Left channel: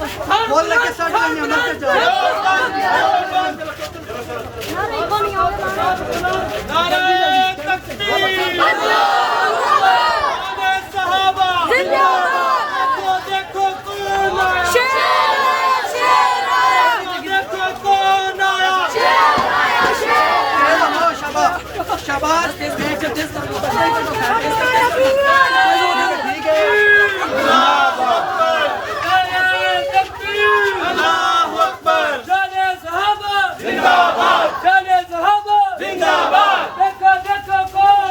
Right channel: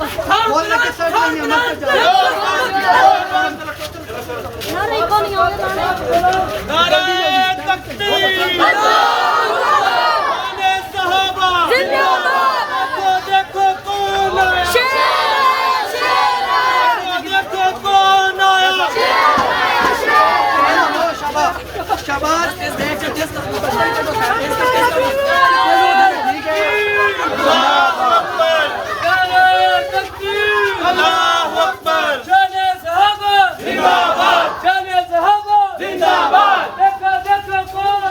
बोल लेके सड़ रही है मत जाओ। नारे तकबीर, नारे सहाबा जिंदाबाद। देखो कौन आया, देखो कौन आया। शाबाश।